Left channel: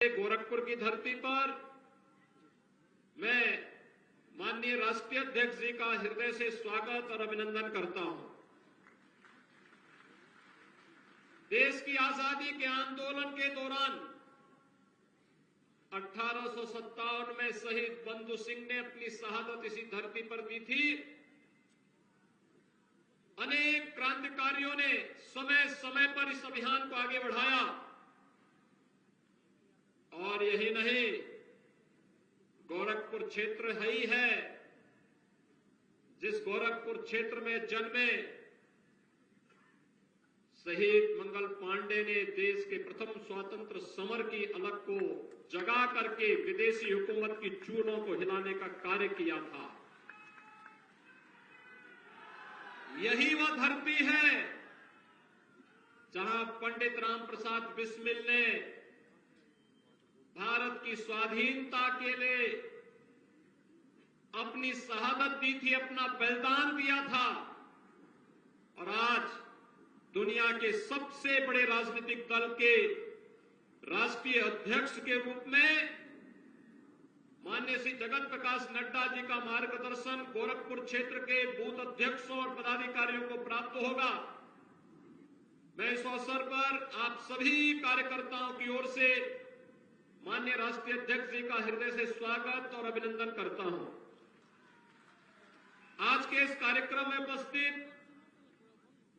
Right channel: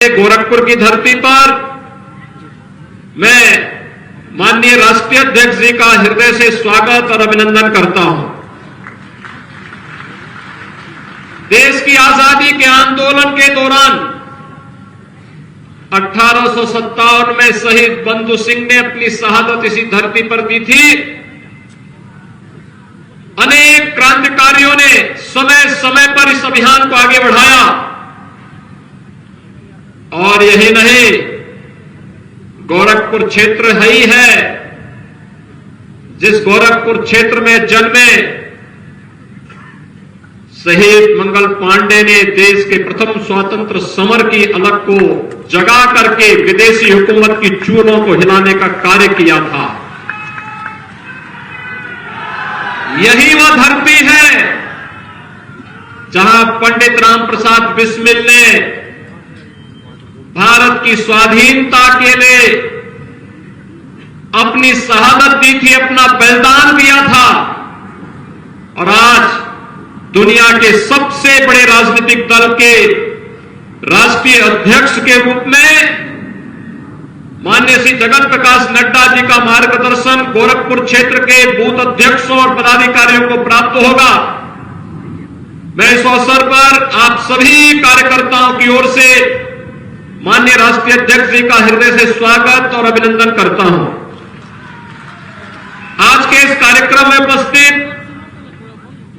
गोरखपुर की धरती पर मैं माननीय राष्ट्रीय अध्यक्ष जी का हृदय से स्वागत और अभिनंदन करता हूं। देश की आजादी के आंदोलन के दौरान 1857 में शहीद बंधु सिंह ने अपनी शहादत इसी धरती पर दी थी। अनेक क्रांतिकारियों ने समय समय पर इस अभियान को आगे बढ़ाया और यही नहीं, गोरखपुर क्षेत्र ही है जिस गोरखपुर क्षेत्र में जन्मे शहीद मंगल पांडे ने देश के प्रथम स्वतंत्र समर की अलख को जगा करके विदेशी हुकूमत की चूलों को हिलाने का कार्य किया था। यही वह धरती है जहां पंडित राम प्रसाद बिस्मिल ने भारत की स्वाधीनता के लिए अपनी शहादत दी थी, अपना बलिदान दिया था। और आज दुनिया के सबसे बड़े राजनीतिक दल के राष्ट्रीय अध्यक्ष के रूप में माननीय श्री जगत प्रकाश नड्डा जी का मार्गदर्शन गोरखपुर क्षेत्र के बूथ अध्यक्षों और पदाधिकारियों को प्राप्त होगा। मैं इस अवसर पर आप सभी कार्यकर्ताओं की ओर से माननीय राष्ट्रीय अध्यक्ष जी का हृदय से स्वागत और अभिनंदन करता हूं। आज के इस कार्यक्रम में उपस्थित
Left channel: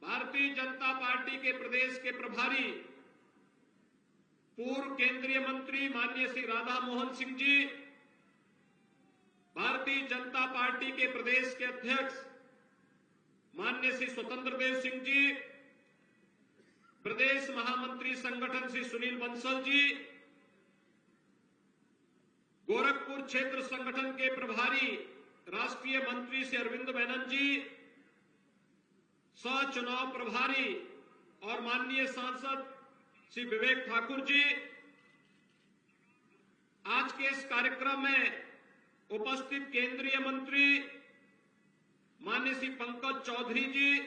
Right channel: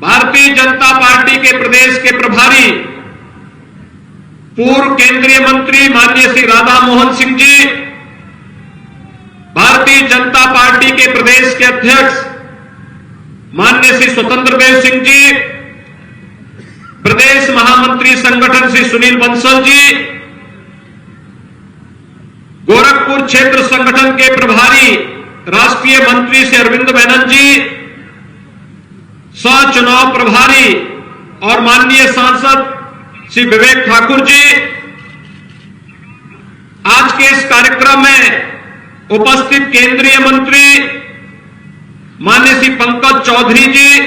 भारतीय जनता पार्टी के प्रदेश के प्रभारी पूर्व केंद्रीय मंत्री माननीय श्री राधा मोहन सिंह जी, भारतीय जनता पार्टी के प्रदेश के अध्यक्ष माननीय श्री स्वतंत्र देव सिंह जी, प्रदेश महामंत्री संगठन श्री सुनील बंसल जी, गोरखपुर क्षेत्र संगठन के प्रभारी राष्ट्रीय मंत्री श्री अरविंद बैनर्जी, सह चुनाव प्रभारी और माननीय सांसद श्री विवेक ठाकुर जी, आज के इस कार्यक्रम में उपस्थित केंद्रीय मंत्री माननीय श्री पंकज चौधरी जी,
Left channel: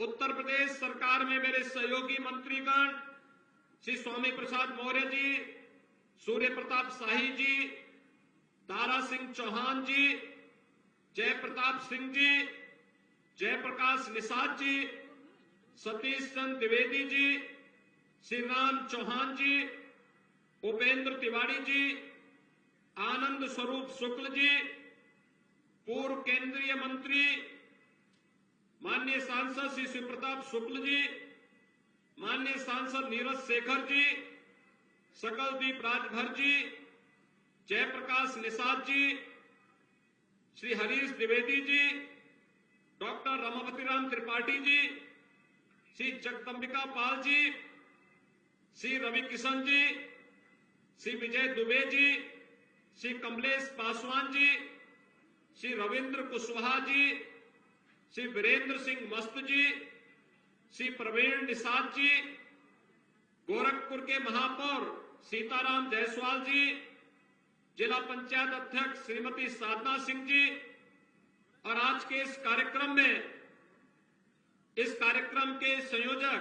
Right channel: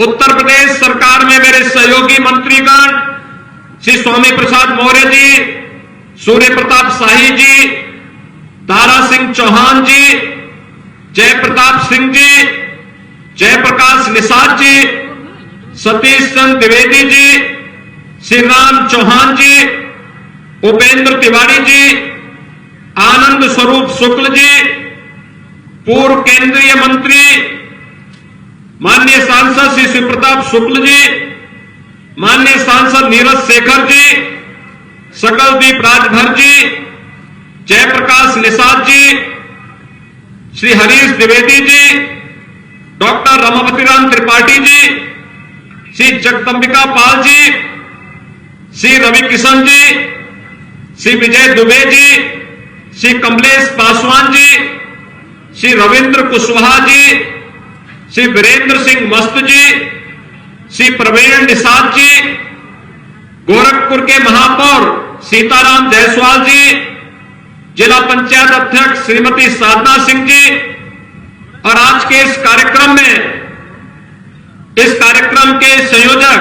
उत्तर प्रदेश सरकार में मेरे सहयोगी मंत्रीगण श्री स्वामी प्रसाद मौर्य जी, सूर्य प्रताप शाही जी, दारा सिंह चौहान जी, जय प्रताप सिंह जी, जयप्रकाश निषाद जी, सतीश चंद्र द्विवेदी जी, श्री राम चौहान जी, उपेंद्र तिवारी जी, आनंद स्वरूप शुक्ल जी, पूर्व केंद्रीय मंत्री माननीय सांसद श्री शिव प्रताप शुक्ल जी, माननीय सांसद नीरज शेखर जी, सकलदीप राजभर जी, जयप्रकाश निषाद जी, श्री हरीश द्विवेदी जी, डॉक्टर रमापति राम त्रिपाठी जी, श्री जगदंबिका पाल जी, श्री रवि किशन जी, श्री विजय दुबे जी, श्री कमलेश पासवान जी, श्री रविंद्र कुशवाहा जी, श्री वीरेंद्र सिंह मस्त जी, श्री प्रवीण निषाद जी, गोरखपुर के महापौर सीताराम जायसवाल जी, जिला पंचायत अध्यक्ष श्रीमती साधना सिंह जी, और आज के इस कार्यक्रम के संयोजक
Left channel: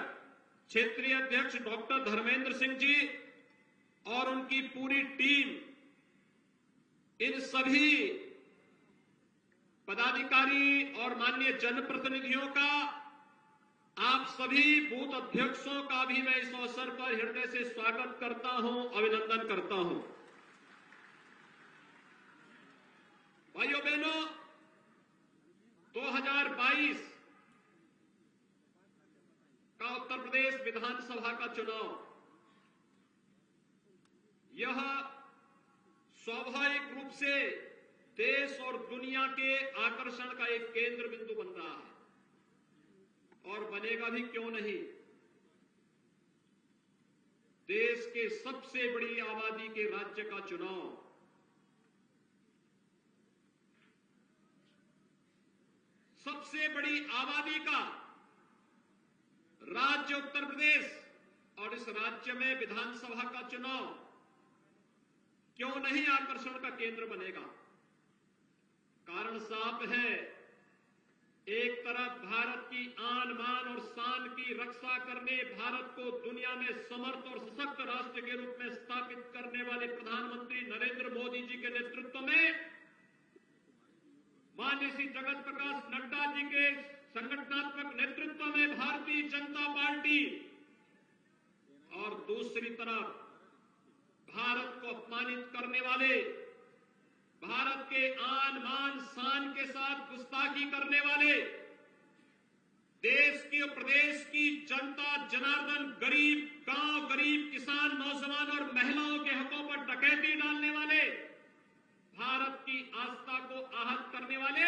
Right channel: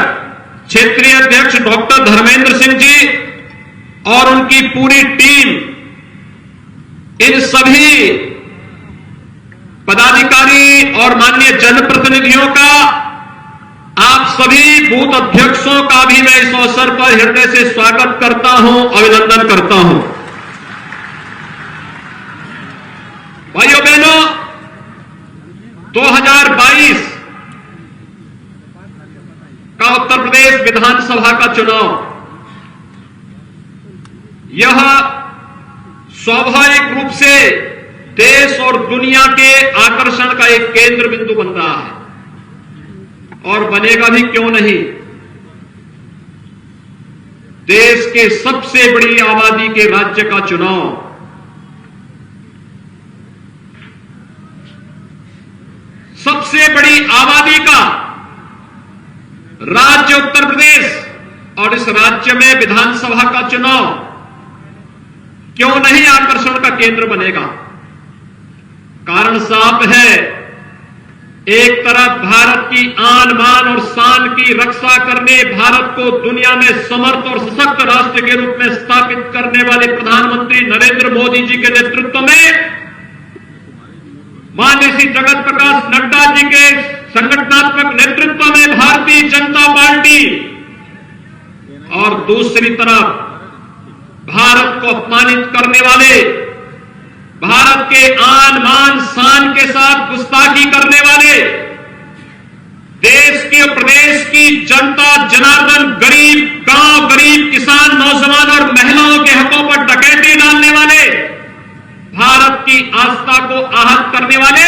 क्षेत्रीय अध्यक्ष डॉक्टर धर्मेंद्र सिंह जी और उनकी पूरी टीम, इन सभी पदाधिकारी और माननीय जनप्रतिनिधियों का, आप सभी बूथ अध्यक्षों का भी मैं इस अवसर पर हृदय से स्वागत करता हूं, अभिनंदन करता हूं। भाइयों बहनों, 2022 का उत्तर प्रदेश विधानसभा का चुनाव, यह स्वाभाविक रूप से देश और दुनिया के आकर्षण का एक केंद्र बिंदु बन रहा है और बनेगा भी, क्यों नहीं। देश के सबसे बड़ी आबादी के राज्य का चुनाव, सबसे बड़ी आबादी का राज्य उत्तर प्रदेश, और इस राज्य में विधानसभा का चुनाव क्यों नहीं आकर्षण का केंद्र बनेगा। कारण साफ है, एक तरफ भारत की आन बान और शान की रक्षा करने, भारत को दुनिया में समर्थ और सशक्त राष्ट्र के रूप में स्थापित करने वाले प्रधानमंत्री नरेंद्र मोदी जी के नेतृत्व में, माननीय श्री जगत प्रकाश नड्डा जी के संगठनात्मक नेतृत्व में भारतीय जनता पार्टी, और दूसरी तरफ भारत को अपमानित करने वाले, भारत के आन मान शान के साथ गुस्ताखी करने वाले, देश के प्रदेश की जनता जनार्दन, गरीब गांव, गरीब किसान, नौजवान और महिलाओं के हकों पर डकैती डालने वाले, भारत की आस्था को आहत करने वाले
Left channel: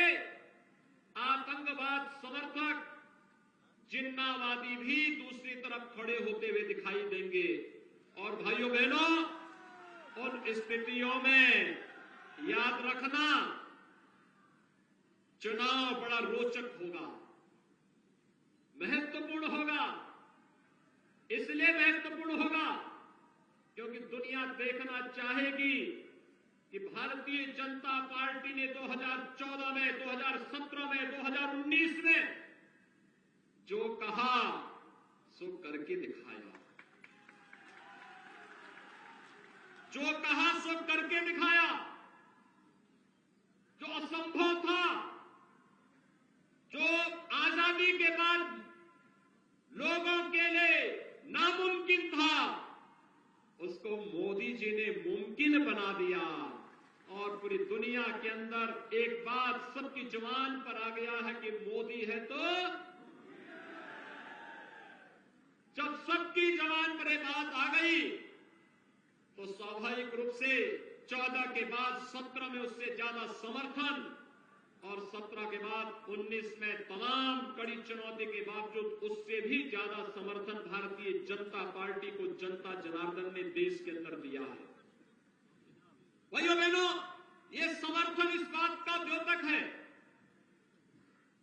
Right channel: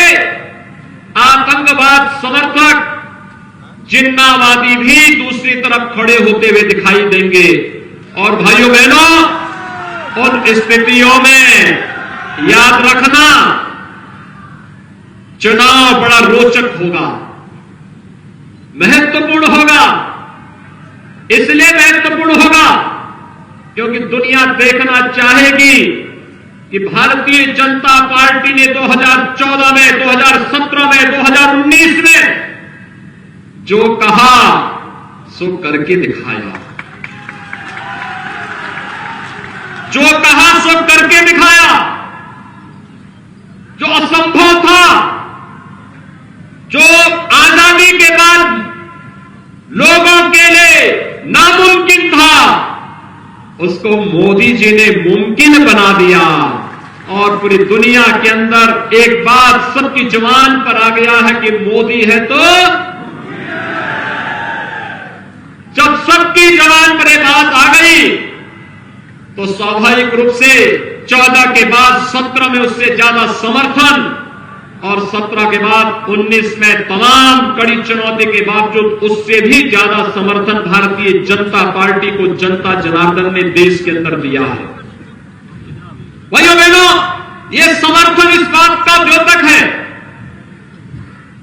आतंकवाद समर्थक जिन्नावादी भी दूसरी तरफ खड़े होते हुए दिखाई देंगे। और भाइयों बहनों, उन स्थितियों में याद रखना, चुनाव बड़ा रोचक होगा, महत्वपूर्ण होगा। इसलिए महत्वपूर्ण होगा क्योंकि दुनिया देखना चाहेगी कि भारतीय जनता पार्टी ने 2014 में, 2017 में, 2019 में जो कहा सो करके दिखाया, जो कहा सो करके दिखाया। जो असंभव था, जो आजादी के बाद लोगों के लिए नामुमकिन था, उसको मोदी जी ने मुमकिन बना दिया। और पूरी दुनिया के अंदर एक बात सबकी जुबान पर आ गया है कि मोदी है तो, जब सबकी जुबान पर एक बात आ गई तो स्वाभाविक रूप से 14 के बाद 17 में उससे ज्यादा समर्थन, और 17 के बाद 19 में तमाम कड़ी चुनौती के बावजूद उससे भी ज्यादा समर्थन भारतीय जनता पार्टी को जनता जनार्दन ने देश के अंदर दिया है। भाइयों बहनों, यह समर्थन इस बात का द्योतक है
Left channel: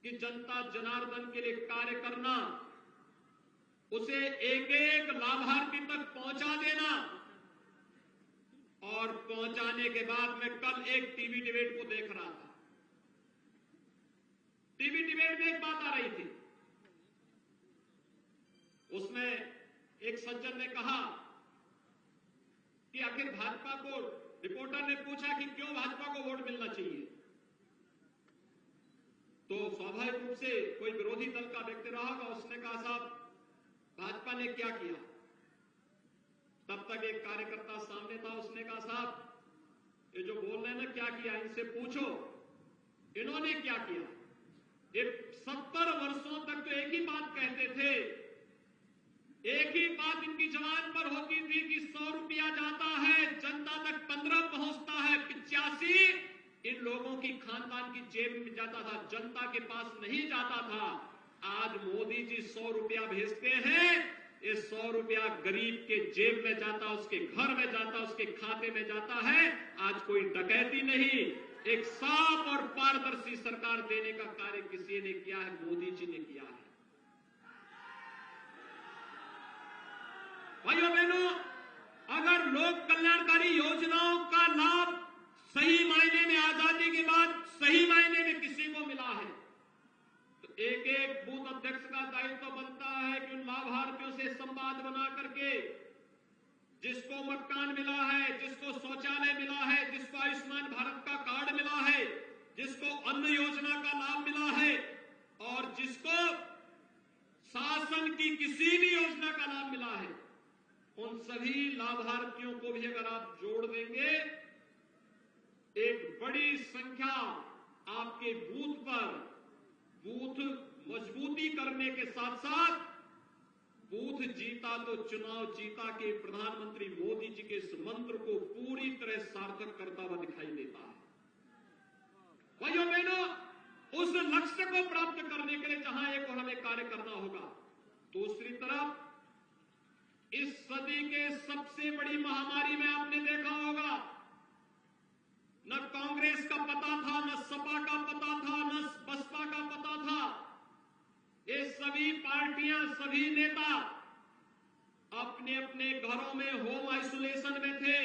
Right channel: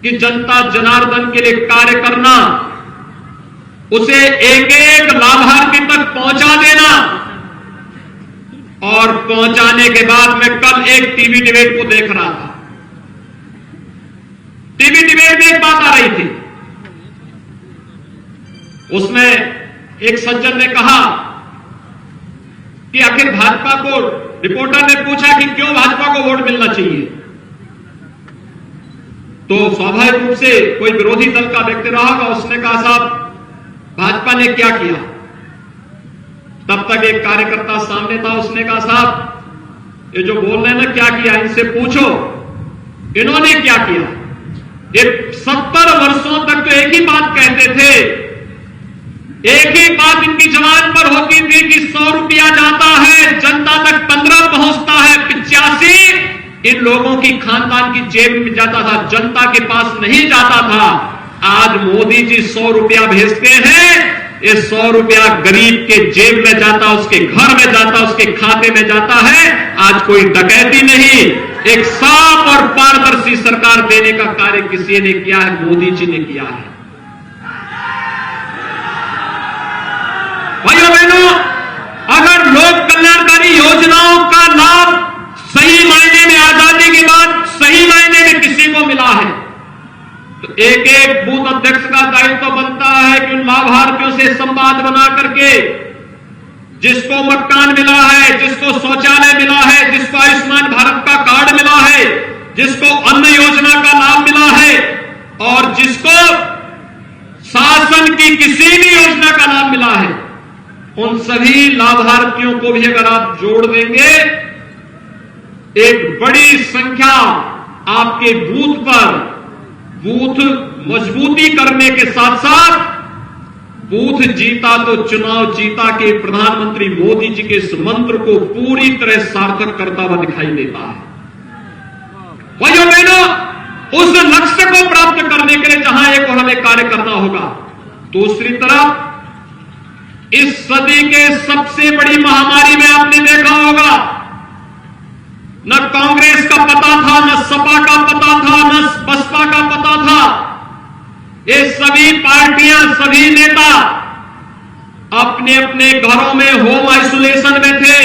कि जनता जनार्दन के लिए कार्य करना, उसे एक एक लाभार्थी तक पहुंचा देना, और पहुंचाने के बाद मैं कल एक टीवी डिबेट को देख रहा था। टीवी डिबेट में एक बात आ रही थी, उसमें एक सज्जन ने कहा कि आखिर भाजपा को, रिपोर्टर ने पूछा कि क्यों भाजपा को वोट मिलना चाहिए, तो स्वाभाविक रूप से कोई विरोधी दल का व्यक्ति रहा होगा, उसने कहा साहब भाजपा ने क्या किया। तब तक एक कार्यकर्ता सामने था, उसने कहा साहब ये जो बोल रहे हैं ना क्या किया, इनसे पूछो इन्होंने क्या किया। ये 70 वर्षों तक तो एक ही बात कहते थे, एक ही बात इनकी जबान पर होती थी कि 100 रुपया जाता है जनता तक 15 पहुंचता है, 85 इन लोगों की खानदान की जेब में जाता था, जनता के पास नहीं जाता था। आज मोदी जी 100 रुपया भेजते हैं, ये 100 रुपया गरीब के जेब में जाता, उसके घर में जाता, उसके खाते में जाता है। आज कोई डकैती नहीं, एक साफ और पारदर्शी सरकार देने का कार्य किसी ने किया है, मोदी जी ने किया है। भाइयों बहनों, अगर लोक कल्याणकारी योजनाओं का लाभ सही मायने में आजादी के बाद सही मायने में किसी को मिला है, तो एक एक बूथ अध्यक्ष का दायित्व बनता है कि उन लाभार्थियों से संवाद बना करके, जिसको मकान मिला है, जिसको शौचालय मिला है, जिसको आयुष्मान भारत का कार्ड मिला है, जिसको अन्न योजना का लाभ मिला है, और जिसको शासन की किसी भी योजना का लाभ मिला है, उन सभी लाभार्थियों को भी अगर आप जोड़ देंगे, एक बड़ी संख्या आपके बूथ पर, बूथ मजबूती करने के साथ साथ बूथ जीता तो चुनाव जीता के प्रधानमंत्री मोदी जी के इस मंत्र को पूरी तरह सार्थक करता हुआ दिखाई देता है। भाइयों बहनों, उस लक्ष्य को प्राप्त करने के लिए जहां एक और हमें कार्य करना होगा, दूसरी तरफ इस सदी के सबसे बड़ी महामारी में आपने देखा होगा, न कांग्रेस का पता था, न सपा का पता था, न बसपा का पता था। ये सभी पार्टियां, सभी नेता अपने अपने घरों में होम आइसोलेशन में थे।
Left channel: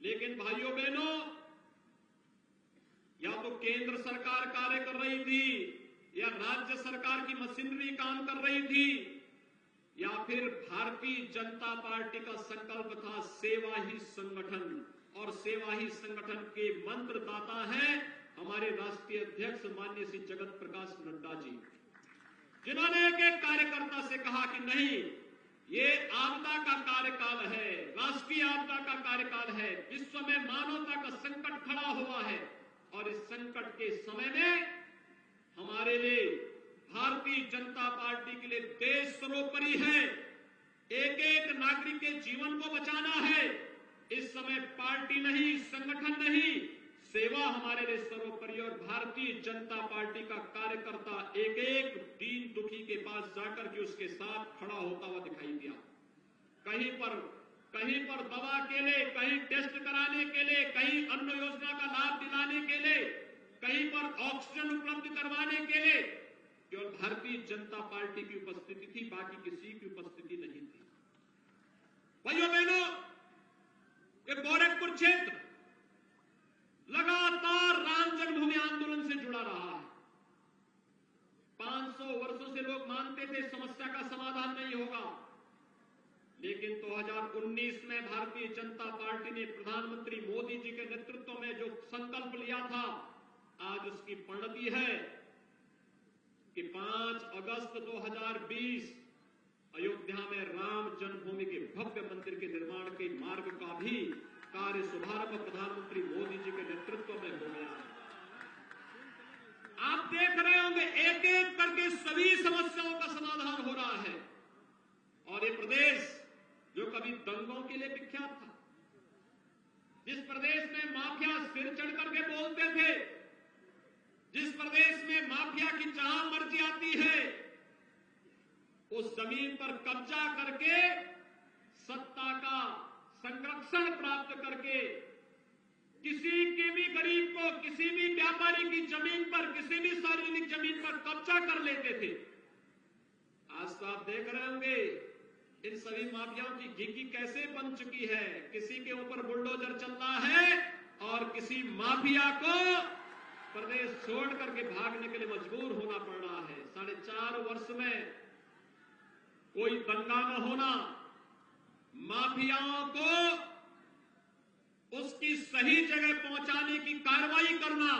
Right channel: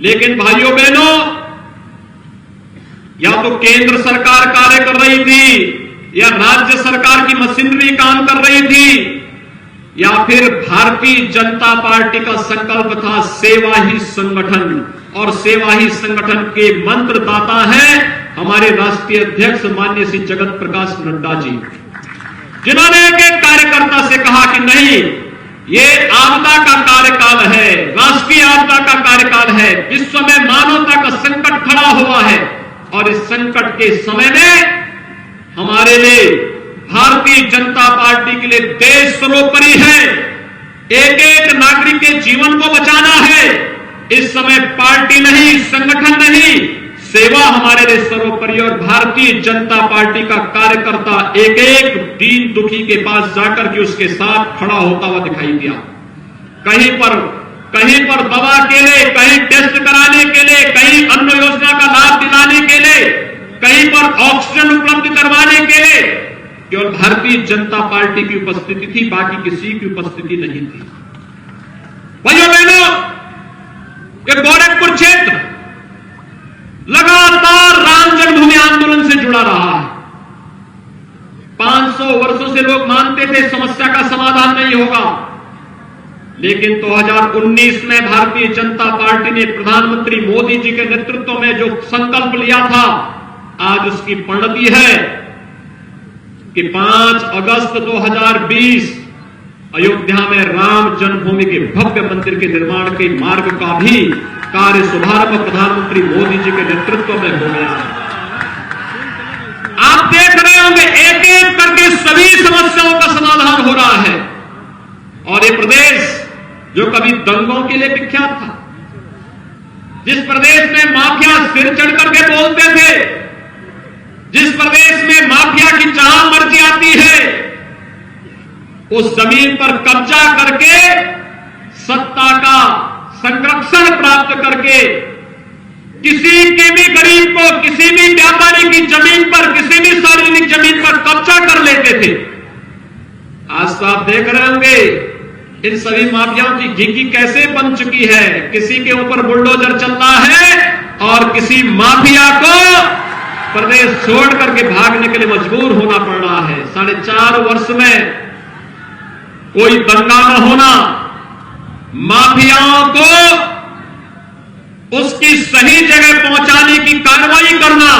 लेकिन भाइयों बहनों, या तो केंद्र सरकार कार्य कर रही थी या राज्य सरकार की मशीनरी काम कर रही थी या फिर भारतीय जनता पार्टी का संकल्प था सेवा ही संगठन, और सेवा ही संगठन के मंत्रदाता हैं हमारे राष्ट्रीय अध्यक्ष माननीय श्री जगत प्रकाश नड्डा जी, जिन्होंने एक एक कार्यकर्ता से कहा कि नहीं, ये आपदा का कार्यकाल है, राष्ट्रीय आपदा का कार्यकाल है, विश्व में मानवता का संकट खड़ा हुआ है और इस संकट के समय में हमारे लिए भारतीय जनता पार्टी के लिए देश सर्वोपरि है, एक एक नागरिक के जीवन को बचाना है। इस समय पार्टी नहीं, संगठन नहीं, सेवा हमारे लिए सर्वोपरि, और भारतीय जनता पार्टी का कार्यकर्ता एक एक दीन दुखी के पास जाकर के उसके साथ खड़ा होता हुआ दिखाई दिया। कहीं पर दवा के लिए, कहीं टेस्ट कराने के लिए, कहीं अन्न योजना का लाभ दिलाने के लिए, कहीं पर ऑक्सीजन उपलब्ध करवाने के लिए केवल भारतीय जनता पार्टी की उपस्थिति थी, बाकी किसी की उपस्थिति नहीं थी। भाइयों बहनों, ये गोरखपुर क्षेत्र लगातार राम जन्मभूमि आंदोलन से जुड़ा रहा है। 500 वर्षों से लोग मानते थे समस्या का समाधान नहीं होगा, लेकिन 2019 में भारतीय जनता पार्टी ने प्रधानमंत्री मोदी जी के नेतृत्व में जो संकल्प लिया था, आज उसकी परिणति है कि 5 अगस्त 2020 अयोध्या में राम जन्मभूमि के भव्य मंदिर के निर्माण के मार्ग का भी कार्य शुभारंभ प्रधानमंत्री मोदी जी के नेतृत्व में हो गया है। आप देख रहे होंगे एक एक करके सभी समस्याओं का समाधान हो रहा है। और ये प्रदेश जो कभी दंगों के लिए विख्यात था, जिस प्रदेश में माफिया सिर चढ़ करके बोलते थे, जिस प्रदेश में माफिया की जहां मर्जी आती है उस जमीन पर कब्जा करके सत्ता का संरक्षण प्राप्त करके किसी के भी गरीब को, किसी भी व्यापारी की जमीन पर, किसी भी सार्वजनिक जमीन पर कब्जा कर लेते थे। आज तो आप देख रहे होंगे इन सभी माफियाओं की घिघी कैसे बन चुकी है। किसी के ऊपर बुलडोजर चल रहा है और किसी माफिया को प्रदेश छोड़ करके भागने के लिए मजबूर होना पड़ रहा है। 4.5 वर्ष में कोई दंगा न होना, माफियाओं को उसकी सही जगह पहुंचाने की कार्रवाई करना,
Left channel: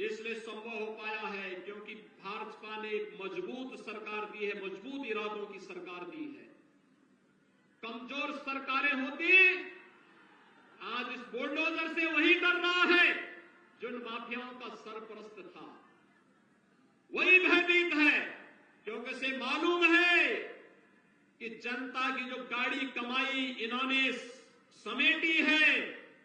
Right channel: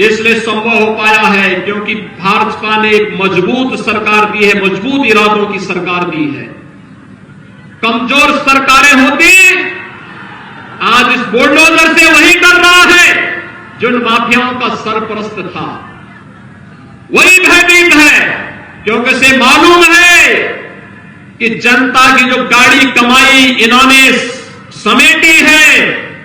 इसलिए संभव हो पाया है क्योंकि भाजपा ने एक मजबूत सरकार दी है, मजबूत इरादों की सरकार दी है। कमजोर सरकारें होती आज इस बुलडोजर से वही कर रहा है जो माफियाओं का सरपरस्त था, वही भयभीत है क्योंकि उसे मालूम है कि जनता की जो गाड़ी कमाई इन्होंने समेटी है,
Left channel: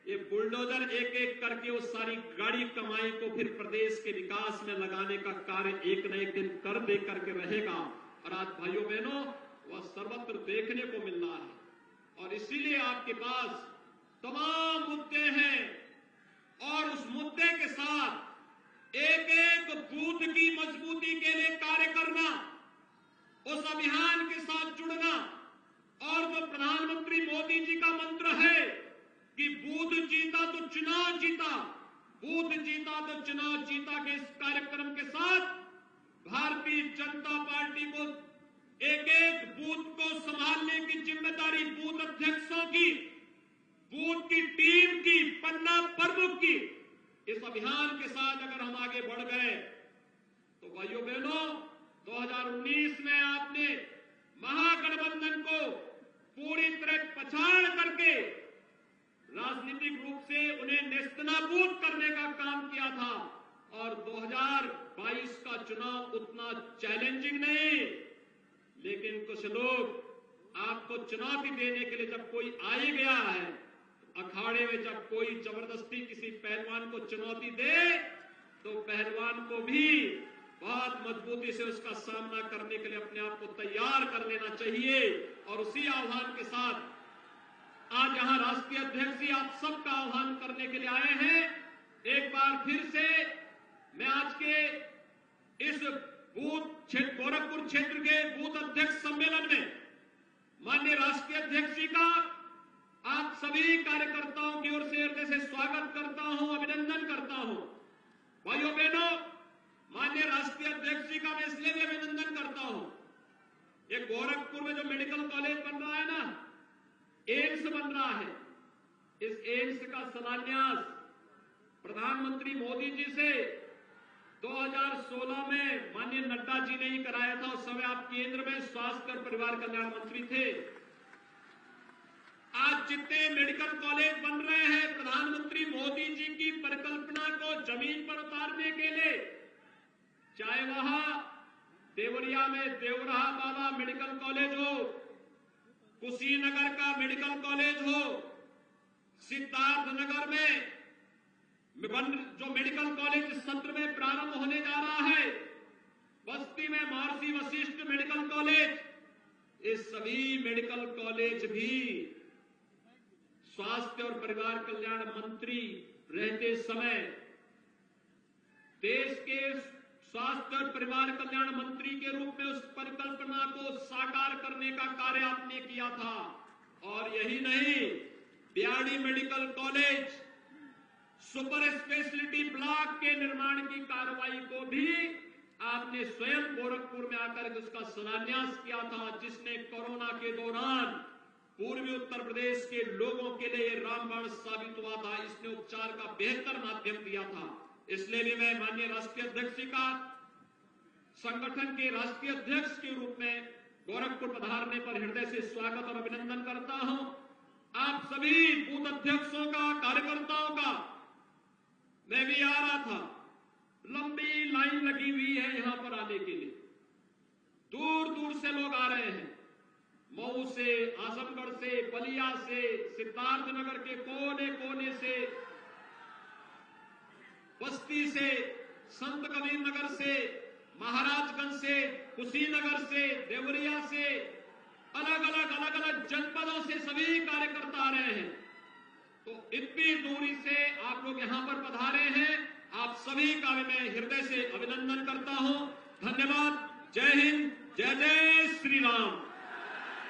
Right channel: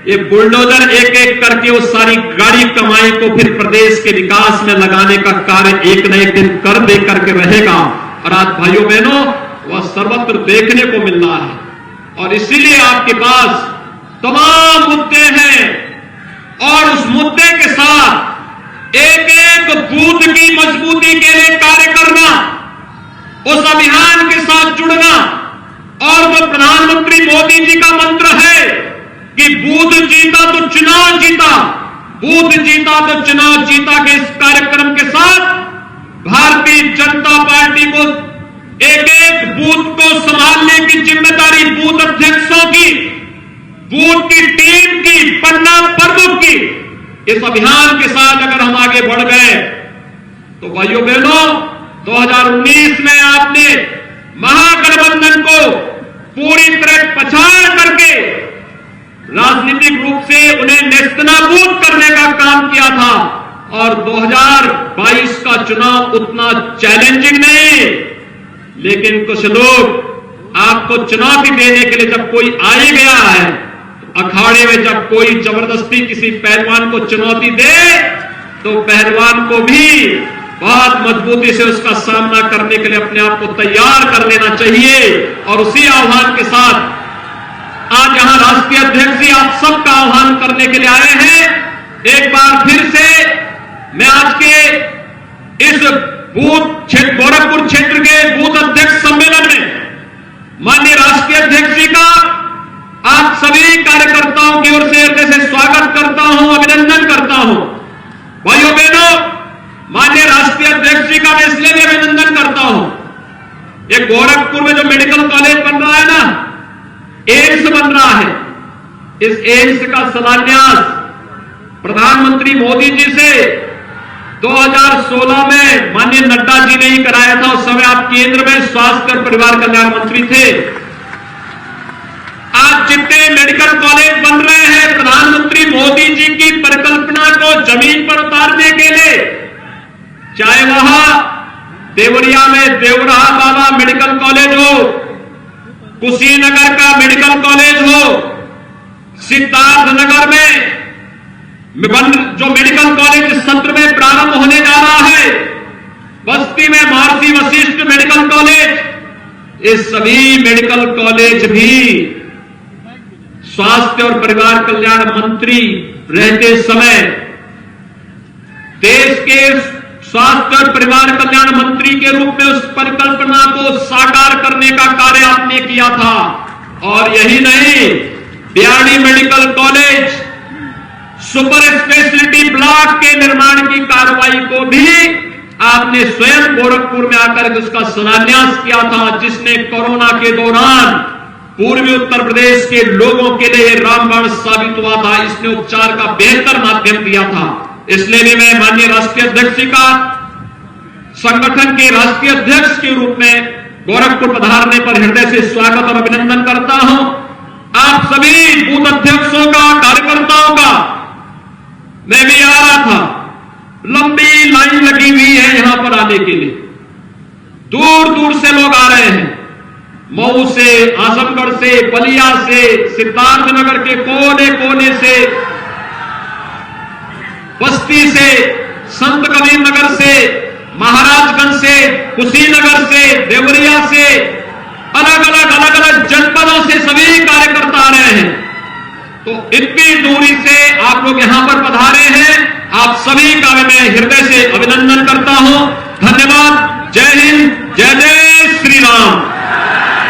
ये बुलडोजर एक एक करके उस सारी गाड़ी कमाई को फिर प्रदेश के विकास में लगाने का कार्य एक न एक दिन कर दे करके रहेगा। और आज भाइयों बहनों वह सर्वत्र देखने को मिल रहा है और इसीलिए आपके पास तमाम मुद्दे हैं और उस मुद्दे के साथ एक एक बूथ की मजबूती के लिए कार्य करना, उस अभियान के साथ जुड़ना। और जो प्रधानमंत्री मोदी जी का मंत्र है कि बूथ जीता तो चुनाव जीता, बूथ जीता तो चुनाव जीता के इस कार्यक्रम के साथ भारतीय जनता पार्टी को एक एक बूथ को संभालने की जिम्मेदारी बूथ अध्यक्षों की, बूथ की टीम की, पन्ना प्रमुख की, इस अभियान के साथ अगर हम आगे बढ़ गए तो भाइयों बहनों 2019 में आपने महागठबंधन को पूरी तरह पछाड़ करके राजनीतिक रूप से उन्हें नेस्तनाबूद करने का काम किया था। और 2022 का चुनाव उतना चैलेंजिंग नहीं, लेकिन कुछ लोग आपको चुनौती देने के लिए जब कोई आ ही गया है, अखाड़े में जब कोई जबरदस्ती किसी पहलवान को चुनौती दे तो पहलवान को भी बहुत मजबूती से उसका सामना करने के लिए अपने आप को तैयार कर लेना चाहिए। और उसी आह्वान के साथ आज यहां राष्ट्रीय अध्यक्ष जी आप सबका आह्वान करने के लिए आए हैं। एक बार फिर से मैं आज के इस गोरखपुर क्षेत्र के बूथ अध्यक्ष सम्मेलन में माननीय राष्ट्रीय अध्यक्ष जी का आप सभी कार्यकर्ताओं की ओर से हृदय से स्वागत करता हूं, अभिनंदन करता हूं। भाइयों बहनों, माननीय राष्ट्रीय अध्यक्ष जी का मैं इसलिए भी अभिनंदन करता हूं। ये गोरखपुर में जो मेडिकल कॉलेज बन रहा है ना, एम्स बन रहा है, इस एम्स का शिलान्यास प्रधानमंत्री मोदी जी से 2016 में माननीय नड्डा जी ने ही कराया था। उस समय आप केंद्र में स्वास्थ्य और परिवार कल्याण मंत्री थे। आज जितने मेडिकल कॉलेज बन रहे हैं, प्रधानमंत्री मोदी जी की परिकल्पना को जमीन पर उतारने के लिए, चाहे वहां देवरिया में देवराहा बाबा मेडिकल कॉलेज हो, कुशीनगर का मेडिकल कॉलेज हो, सिद्धार्थनगर में जो मेडिकल कॉलेज इस सत्र में प्रारंभ होने जा रहा है, बस्ती में महर्षि वशिष्ठ मेडिकल कॉलेज, ये सभी मेडिकल कॉलेज भी स्वास्थ्य और परिवार कल्याण मंत्री रहते समय देश के स्वास्थ्य और परिवार कल्याण मंत्री के रूप में उस परिकल्पना को साकार करने का कार्य आपने किया था। और यही नहीं, Biyadi medical college, super speciality block के निर्माण की कार्रवाई को भी आपने स्वयं गोरखपुर में आकर उसका शिलान्यास किया था, जिसने कोरोना के दौरान पूर्वी उत्तर प्रदेश के लोगों के लिए रामबाण साबित हुआ था। इसने उपचार का बेहतर माध्यम दिया था। इसलिए भी मैं माननीय राष्ट्रीय अध्यक्ष जी का संगठन के राष्ट्रीय अध्यक्ष के रूप में गोरखपुर पधारने पर हृदय से स्वागत और अभिनंदन करता हूं। आप सभी बूथ अध्यक्षों का, कार्यकर्ताओं का, मैं भी आ रहा था, लंबी लाइन लगी हुई है यहां पर आने के लिए। दूर दूर से लोग आ रहे हैं, मऊ से, आजमगढ़ से, बलिया से, सिद्धार्थनगर के कोने कोने से, बस्ती से, संत कबीर नगर से, महाराजगंज से, कुशीनगर से, देवरिया से, अलग अलग जनपदों से सभी कार्यकर्ता आ रहे हैं। तो इतनी दूरी से आप लोग यहां पर पधारे हैं, आप सभी का मैं हृदय से अभिनंदन करता हूं। धन्यवाद। जय हिंद।